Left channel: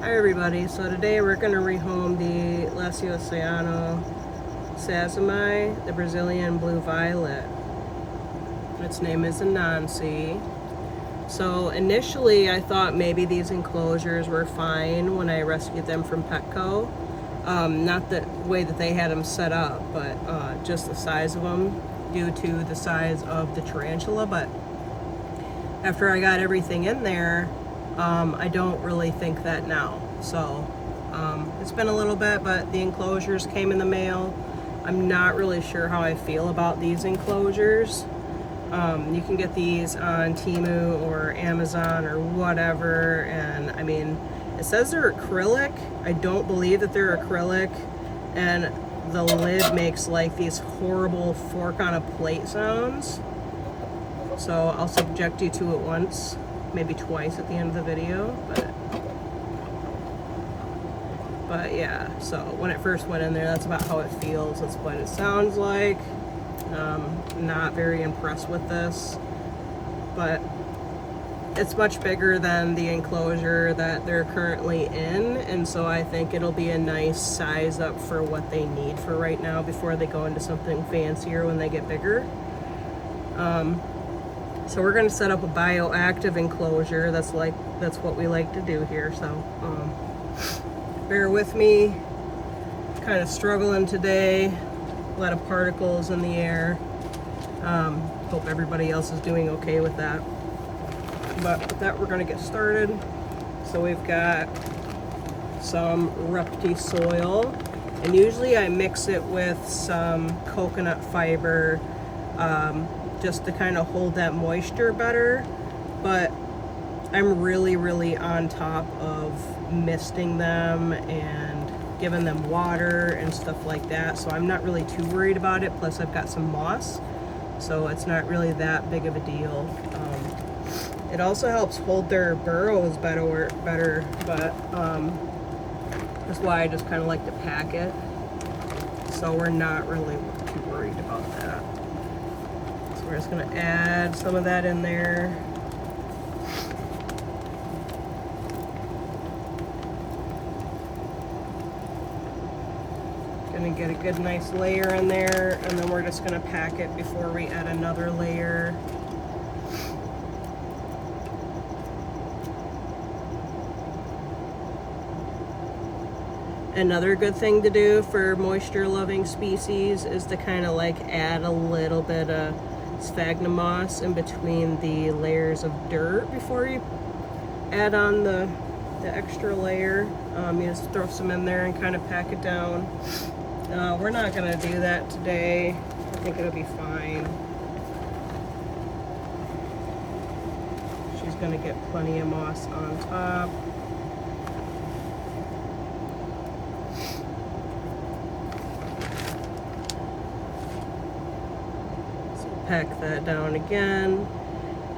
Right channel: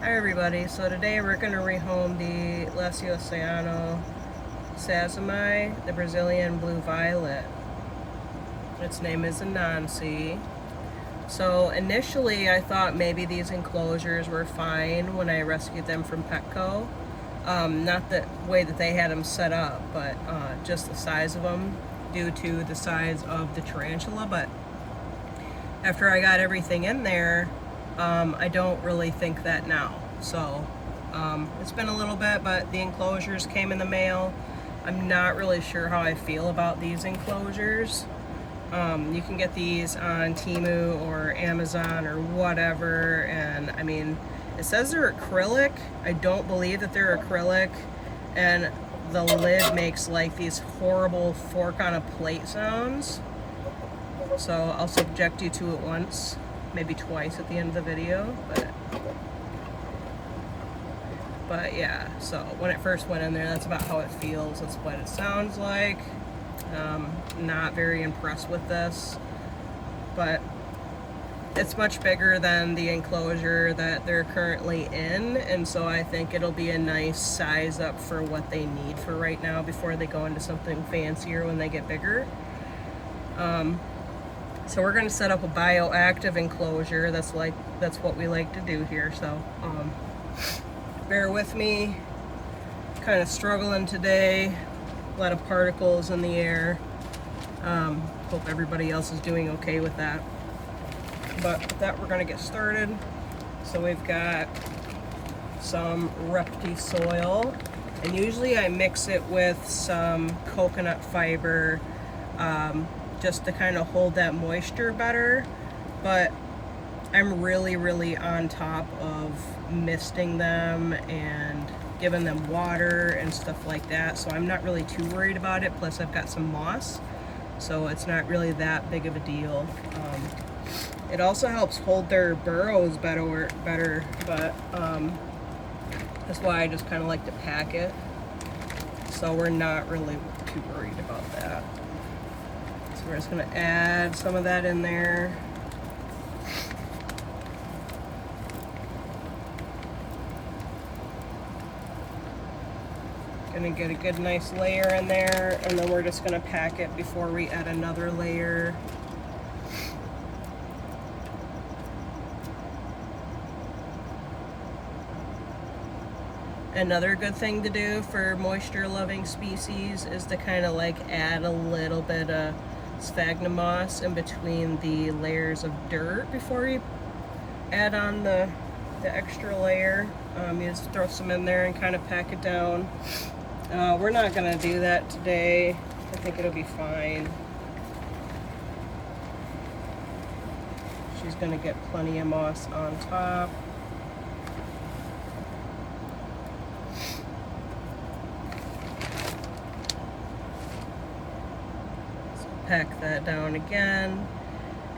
Hi everybody, so today we're going to rehome the Oceano Sazamai, the Brazilian Blue Violet. Its name is Anansi. So initially I thought maybe these enclosures were fine when I rescued them from Petco. Not the way that they had them set up, but just the size of them due to the size of the tarantula. But after I got everything in there, I don't really think that now. So it's been a little bit, but the enclosures came in the mail. I'm not really sure how I feel about these enclosures. You can get these on Temu or Amazon or whatever, and I mean, it says they're acrylic. I don't believe that they're acrylic, and the lid makes like these horrible fork on a plate sounds. So I'll subject you to it once, maybe twice at the end of the video, but yeah, so when it first went in there, that's about how it feels. That's what it sounds like. Not very impressed with this, but it's much bigger than the enclosure that they're currently in, and so I think it'll be a nice size up for what they need for right now before they go into something fancier when they get bigger. So we're going to set up a bioactive enclosure. That's what we like to do here. So bear with me. Kind of struggling today. A lot of particles in the air. Hope everybody else is doing okay with that. But with that, we're going to get started. So we've got some Repti soil, and usually I mix it with some coconut fiber, just to kind of hold that moisture better. But I'm really on top of misting them and giving them water and stuff like that, so I'm not really too worried about it. Plus I've got some moss, so it's not really that big of a deal. It also helps hold their burrows better, but that's why I just kind of like to pack it, so we're not really too worried about that. So we're just going to add some of that in there. Going to get a good nice layer in there, and then we're just going to pack it before we add another layer. Another good thing to do for moisture loving species is to kind of like add a little bit of sphagnum moss in between the layers of dirt before you add on the extra layer. You just throw some in there and kind of pack it down. We're not going to do that today. I think it'll be fine. She's going to get plenty of moss on top. Pack that down again.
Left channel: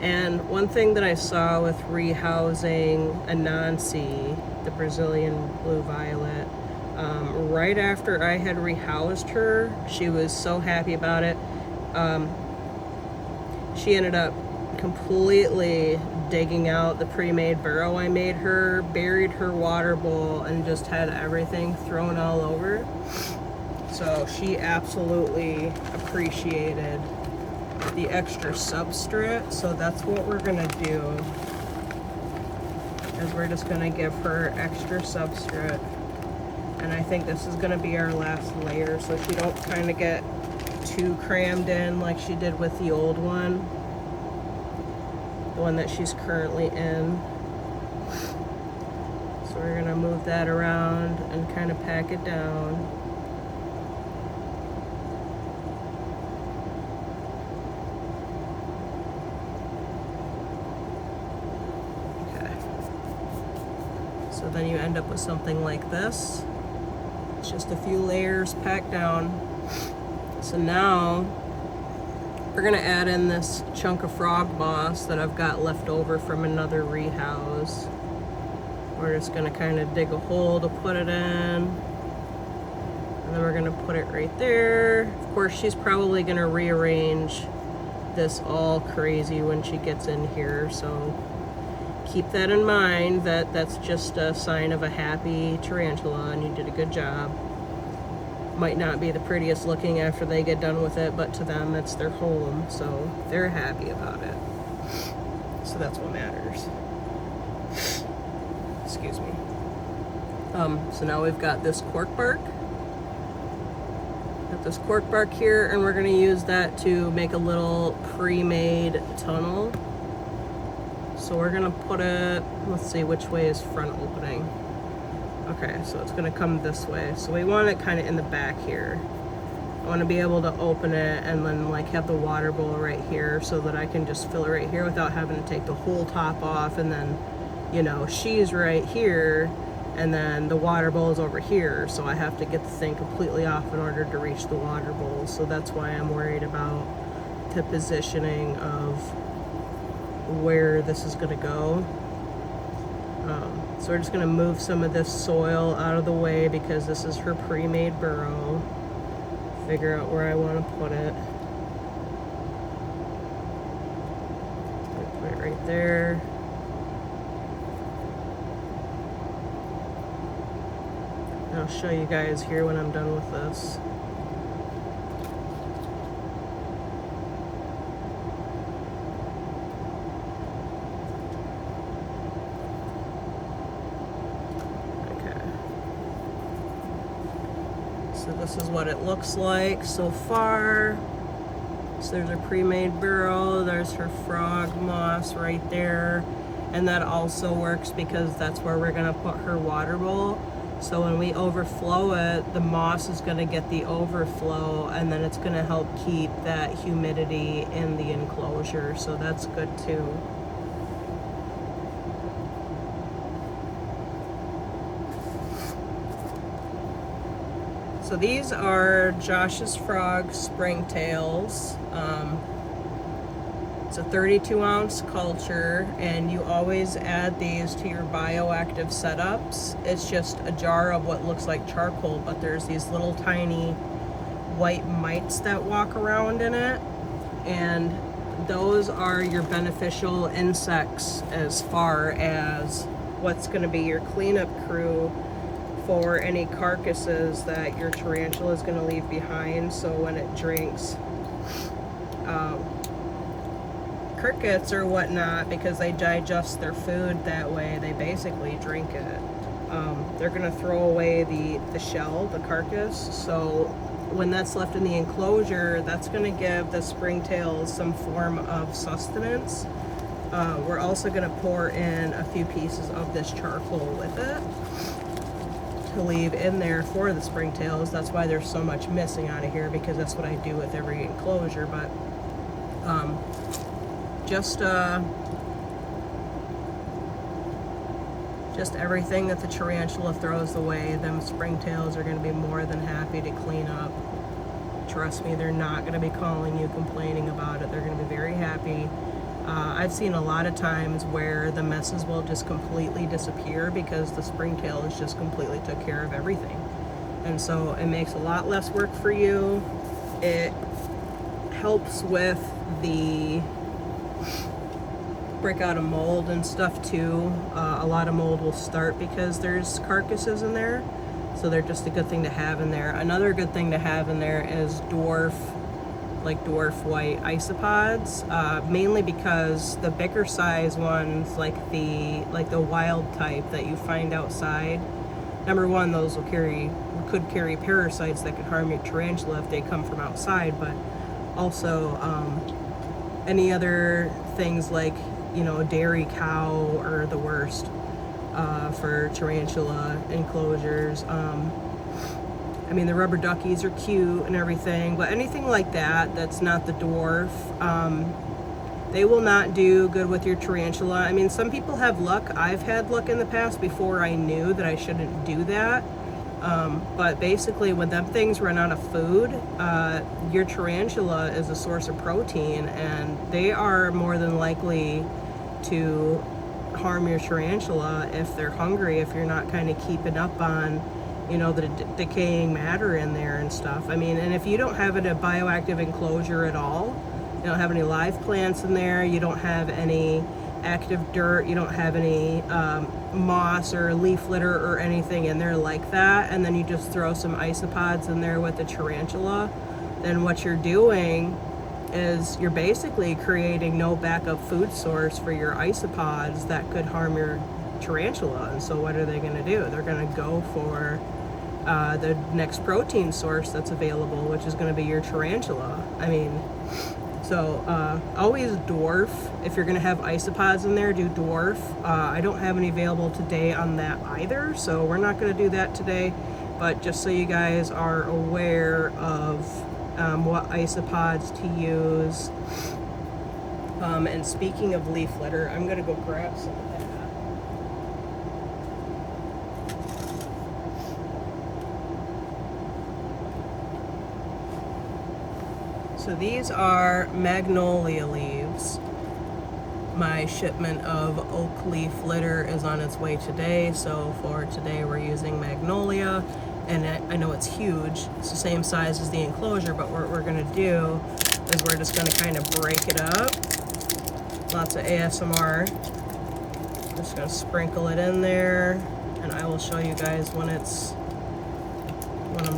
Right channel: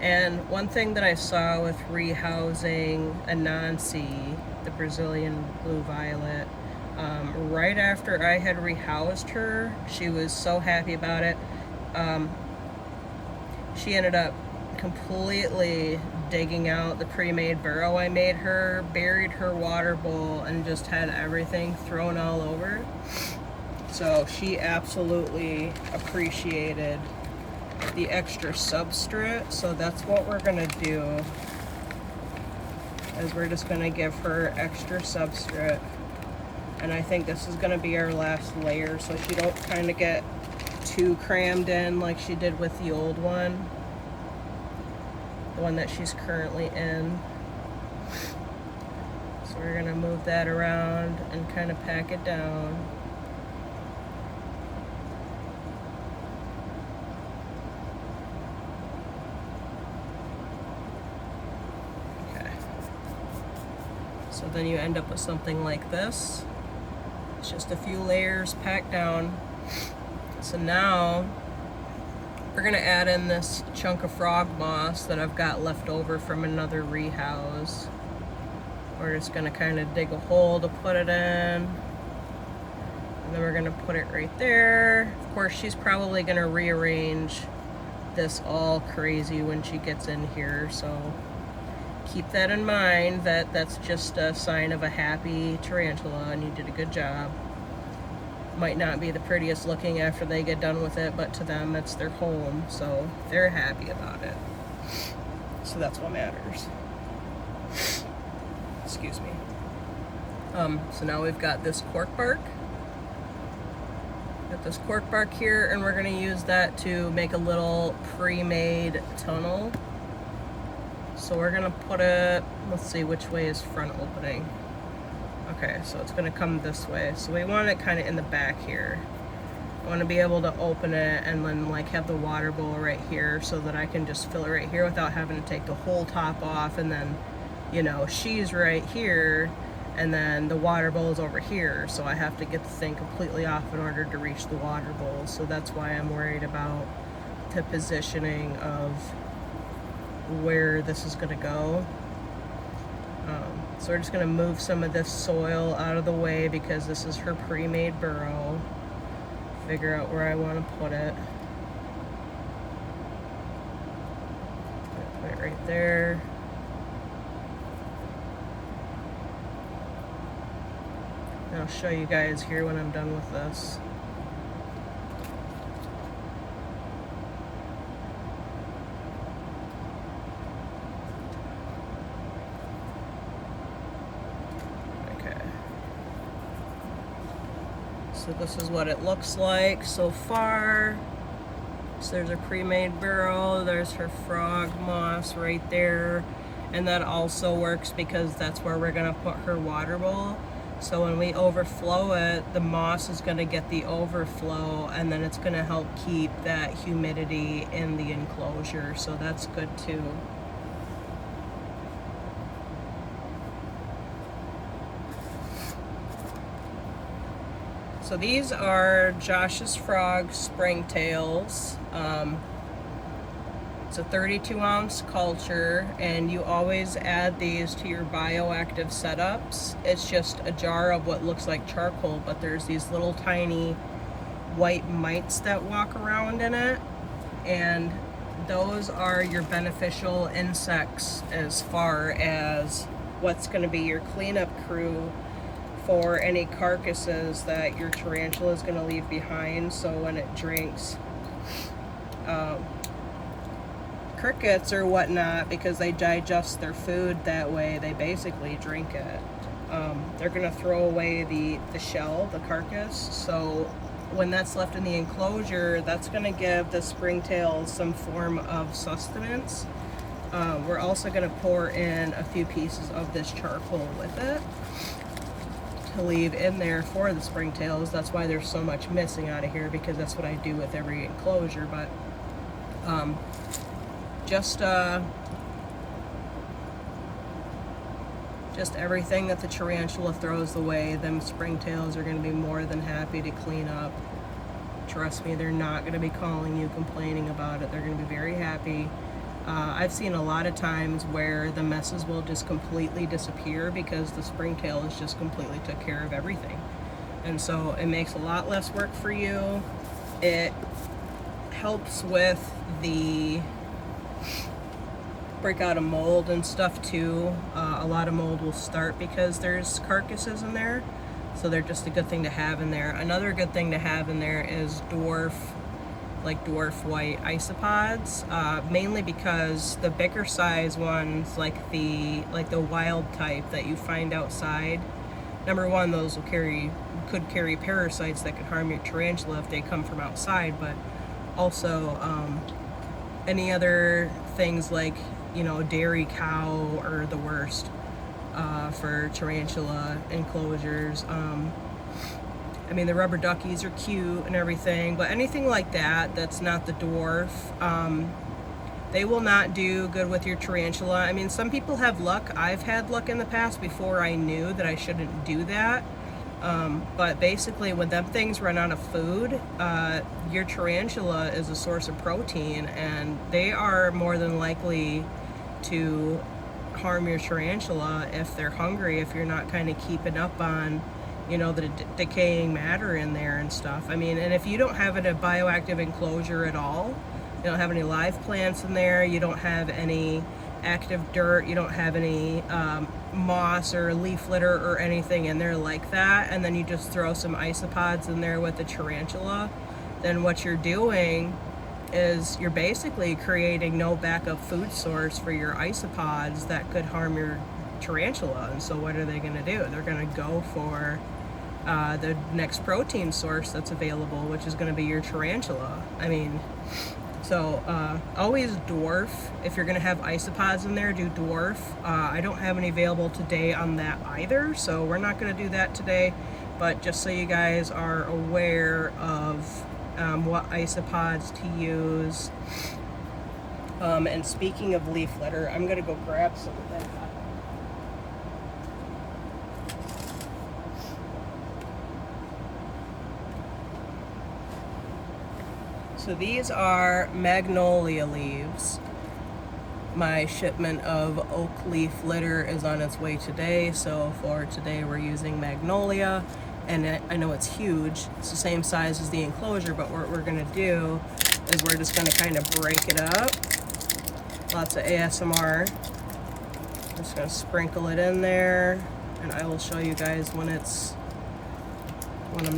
And one thing that I saw with rehousing Anansi, the Brazilian Blue Violet, right after I had rehoused her, she was so happy about it. She ended up completely digging out the pre-made burrow I made her, buried her water bowl, and just had everything thrown all over. So she absolutely appreciated the extra substrate. So that's what we're gonna do, is we're just gonna give her extra substrate, and I think this is gonna be our last layer, so she don't kind of get too crammed in like she did with the old one, the one that she's currently in. So we're gonna move that around and kind of pack it down. So then you end up with something like this. It's just a few layers packed down. So now we're gonna add in this chunk of frog moss that I've got left over from another rehouse. We're just gonna kind of dig a hole to put it in. And then we're gonna put it right there. Of course, she's probably gonna rearrange this all crazy when she gets in here, so keep that in mind, that that's just a sign of a happy tarantula and you did a good job. Might not be the prettiest looking after they get done with it, but to them it's their home, so they're happy about it. So that's what matters. Excuse me. So now we've got this cork bark. Got this cork bark here, and we're going to use that to make a little pre-made tunnel. So we're going to put it, let's see, which way is front opening? Okay, so it's going to come this way. So we want it kind of in the back here. I want to be able to open it and then like have the water bowl right here so that I can just fill it right here without having to take the whole top off, and then, you know, she's right here and then the water bowl is over here, so I have to get the thing completely off in order to reach the water bowl. So that's why I'm worried about the positioning of where this is going to go. So we're just going to move some of this soil out of the way because this is her pre-made burrow. Figure out where I want to put it. Put it right there. I'll show you guys here when I'm done with this. Okay. So this is what it looks like so far. So there's a pre-made burrow, there's her frog moss right there, and that also works because that's where we're gonna put her water bowl. So when we overflow it, the moss is gonna get the overflow, and then it's gonna help keep that humidity in the enclosure, so that's good too. So these are Josh's Frog springtails. It's a 32-ounce culture, and you always add these to your bioactive setups. It's just a jar of what looks like charcoal, but there's these little tiny white mites that walk around in it, and those are your beneficial insects as far as what's going to be your cleanup crew for any carcasses that your tarantula is going to leave behind. So when it drinks crickets or whatnot, because they digest their food that way, they basically drink it. They're going to throw away the shell, the carcass. So when that's left in the enclosure, that's going to give the springtails some form of sustenance. We're also going to pour in a few pieces of this charcoal with it to leave in there for the springtails. That's why there's so much missing out of here, because that's what I do with every enclosure. But just everything that the tarantula throws away, them springtails are going to be more than happy to clean up. Trust me, they're not going to be calling you complaining about it. They're going to be very happy. I've seen a lot of times where the messes will just completely disappear because the springtails just completely took care of everything. And so it makes a lot less work for you. It helps with the break out of mold and stuff too. A lot of mold will start because there's carcasses in there, so they're just a good thing to have in there. Another good thing to have in there is dwarf white isopods, mainly because the bigger size ones, like the wild type that you find outside, number one, those could carry parasites that could harm your tarantula if they come from outside, but also any other things like, you know, dairy cow are the worst for tarantula enclosures. I mean, the rubber duckies are cute and everything, but anything like that that's not the dwarf, they will not do good with your tarantula. I mean, some people have luck. I've had luck in the past before I knew that I shouldn't do that. But basically, when them things run out of food, your tarantula is a source of protein, and they are more than likely to harm your tarantula if they're hungry, if you're not kind of keeping up on, you know, the decaying matter in there and stuff. I mean, and if you don't have a bioactive enclosure at all, you don't have any live plants in there, you don't have any active dirt, you don't have any moss or leaf litter or anything in there like that, and then you just throw some isopods in there with the tarantula, then what you're doing is you're basically creating no backup food source for your isopods that could harm your tarantula. And so what are they going to do? They're going to go for the next protein source that's available, which is going to be your tarantula. I mean, so always dwarf. If you're going to have isopods in there, do dwarf. I don't have any available today on that either, so we're not going to do that today. But just so you guys are aware of what isopods to use. And speaking of leaf litter, I'm going to go grab some of that. So these are magnolia leaves. My shipment of oak leaf litter is on its way today, so for today we're using magnolia. And I know it's huge, it's the same size as the enclosure, but what we're gonna do is we're just gonna kind of break it up. Lots of ASMR. I'm just gonna sprinkle it in there, and I will show you guys when I'm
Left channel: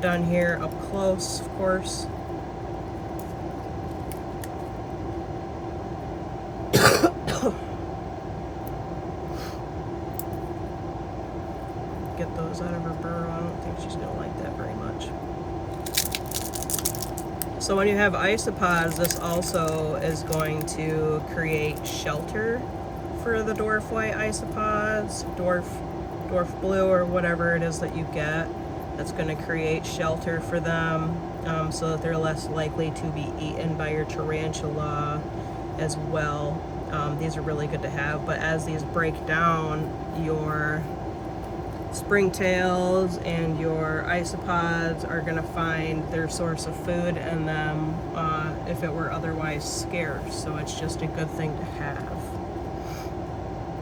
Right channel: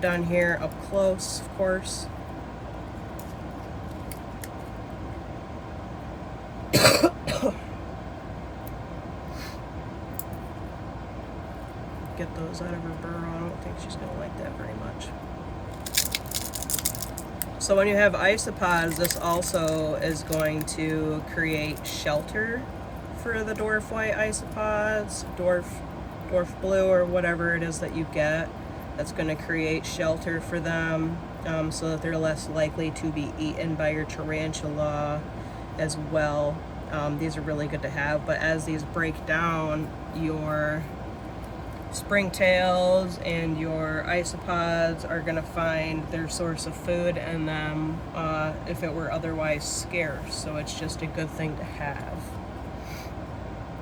done here, up close, of course. Get those out of her burrow. I don't think she's gonna like that very much. So when you have isopods, this also is going to create shelter for the dwarf white isopods, dwarf blue, or whatever it is that you get. That's going to create shelter for them, so that they're less likely to be eaten by your tarantula as well. These are really good to have, but as these break down, your springtails and your isopods are going to find their source of food in them if it were otherwise scarce, so it's just a good thing to have.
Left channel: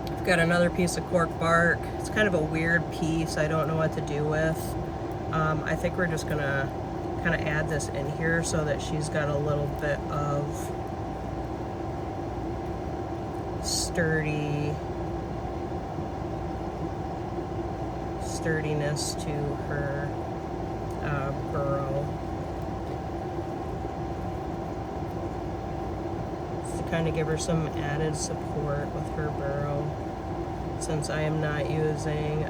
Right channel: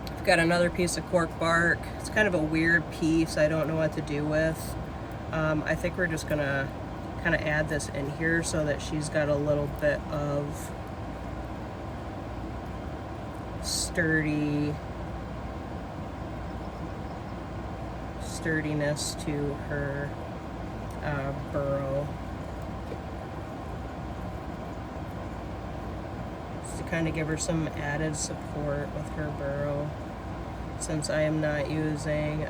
I've got another piece of cork bark. It's kind of a weird piece, I don't know what to do with. I think we're just gonna kind of add this in here so that she's got a little bit of sturdiness to her burrow. Just to kind of give her some added support with her burrow, since I am not using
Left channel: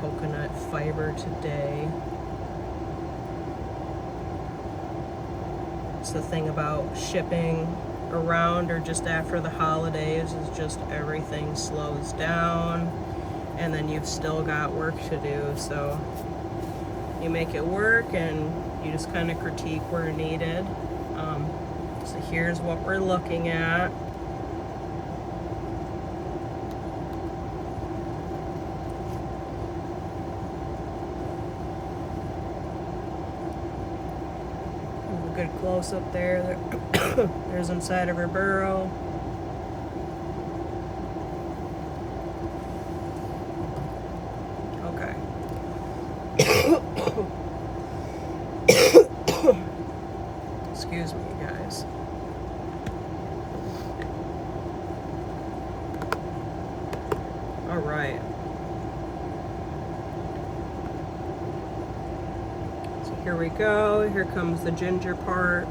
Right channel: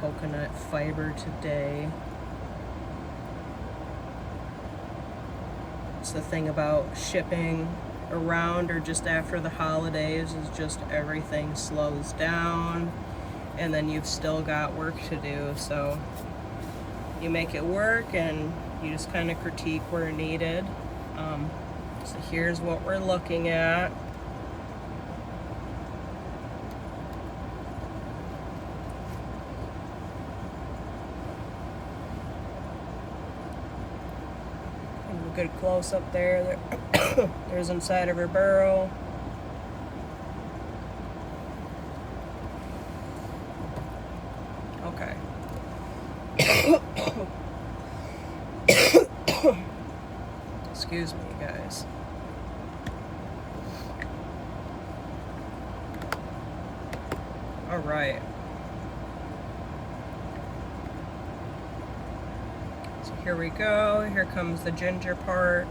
coconut fiber today. It's the thing about shipping around or just after the holidays, is just everything slows down, and then you've still got work to do. So you make it work and you just kind of critique where needed. So here's what we're looking at. Have a good close up there. There's inside of her burrow. Okay. Excuse me, you guys. All right. So here we go. Here comes the ginger part.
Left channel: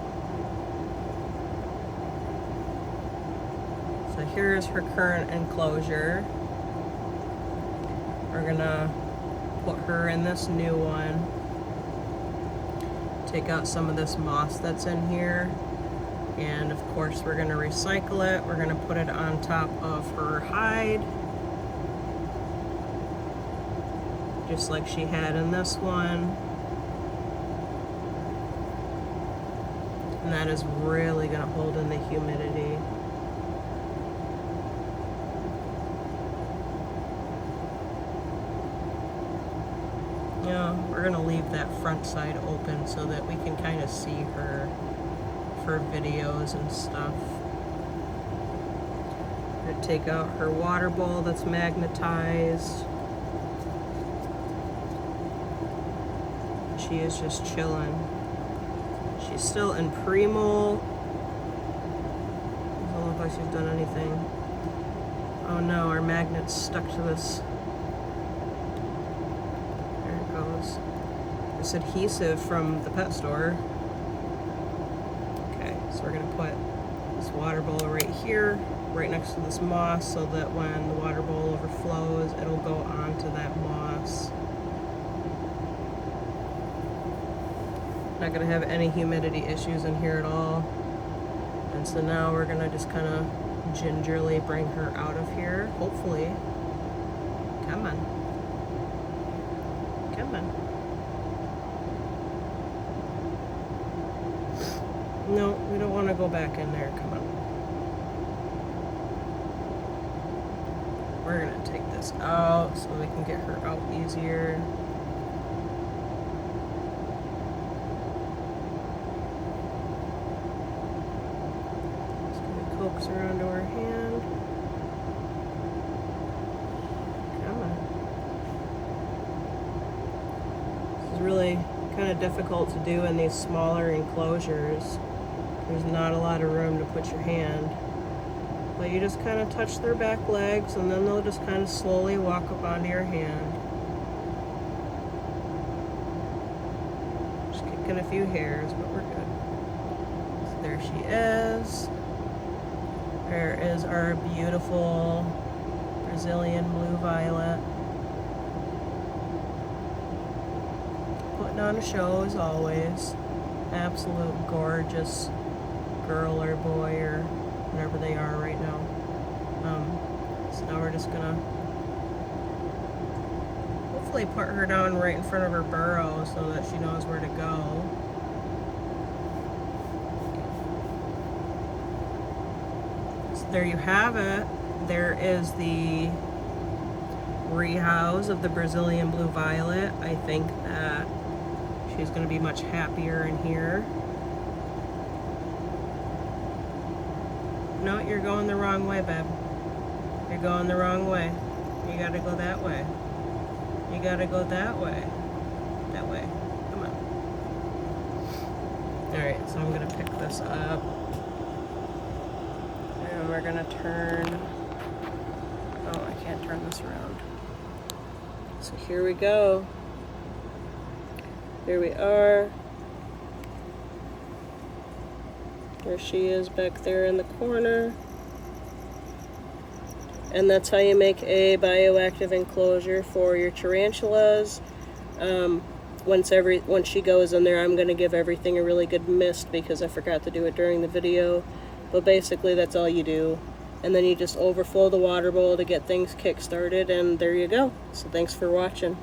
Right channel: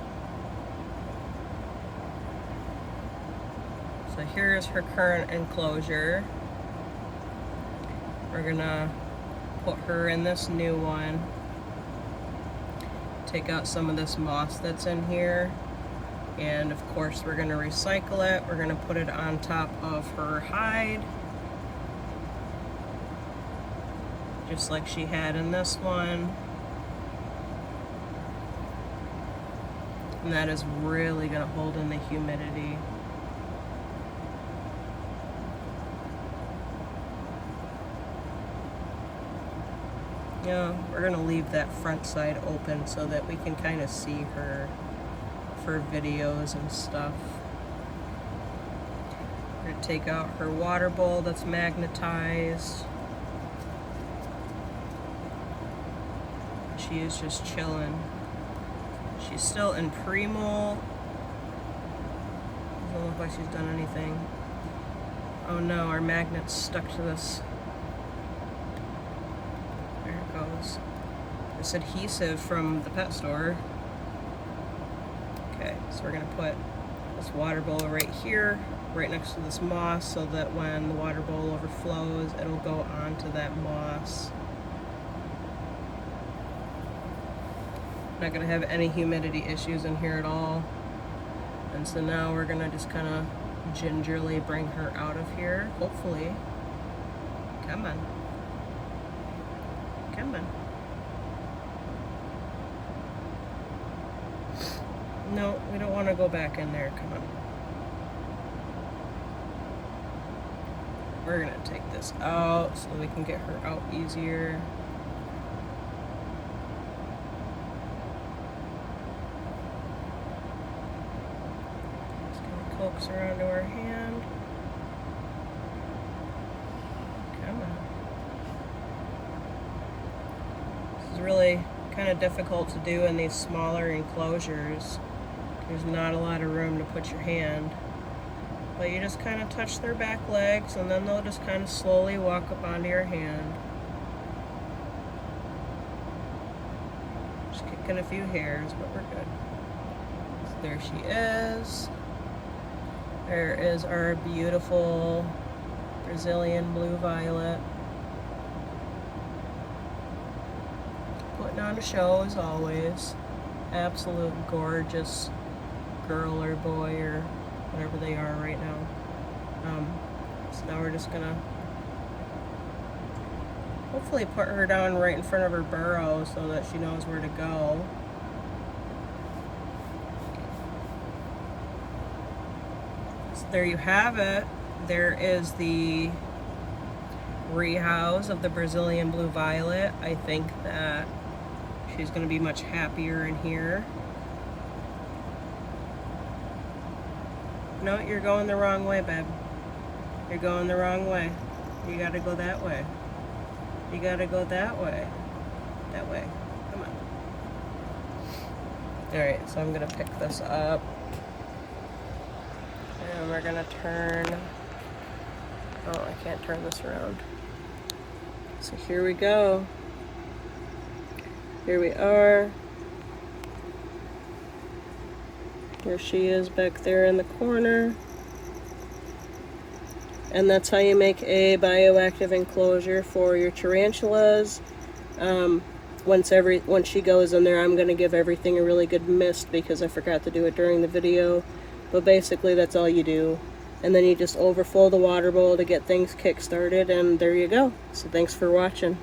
So here's her current enclosure. We're gonna put her in this new one. Take out some of this moss that's in here. And of course we're gonna recycle it. We're gonna put it on top of her hide, just like she had in this one. And that is really gonna hold in the humidity. Yeah, we're gonna leave that front side open so that we can kind of see her for videos and stuff. We're gonna take out her water bowl that's magnetized. She is just chilling. She's still in pre-molt. Doesn't look like she's done anything. Oh no, our magnet's stuck to this. There it goes. This adhesive from the pet store. Okay, so we're gonna put this water bowl right here, right next to this moss, so that when the water bowl overflows, it'll go onto that moss. Not gonna have any humidity issues in here at all. And so now we're gonna just kind of gingerly bring her out of here, hopefully. Come on. Come on. No, we don't want to go back in there. Come on. We're gonna take this out so that we can get her out easier. Just gonna coax her onto her hand. Come on. This is really kind of difficult to do in these smaller enclosures. There's not a lot of room to put your hand. But you just kind of touch their back legs and then they'll just kind of slowly walk up onto your hand. Just kicking a few hairs, but we're good. So there she is. There is our beautiful Brazilian blue violet. Putting on a show as always. Absolute gorgeous girl or boy or whatever they are right now. So now we're just gonna hopefully put her down right in front of her burrow so that she knows where to go. So there you have it. There is the rehouse of the Brazilian blue violet. I think that she's gonna be much happier in here. No, you're going the wrong way, babe. You're going the wrong way. You gotta go that way. You gotta go that way. That way. Come on. Alright, so I'm gonna pick this up. And we're gonna turn... Oh, I can't turn this around. So here we go. Here we are. There she is back there in the corner. And that's how you make a bioactive enclosure for your tarantulas. Once she goes in there, I'm going to give everything a really good mist because I forgot to do it during the video. But basically that's all you do. And then you just overflow the water bowl to get things kick-started, and there you go. So thanks for watching.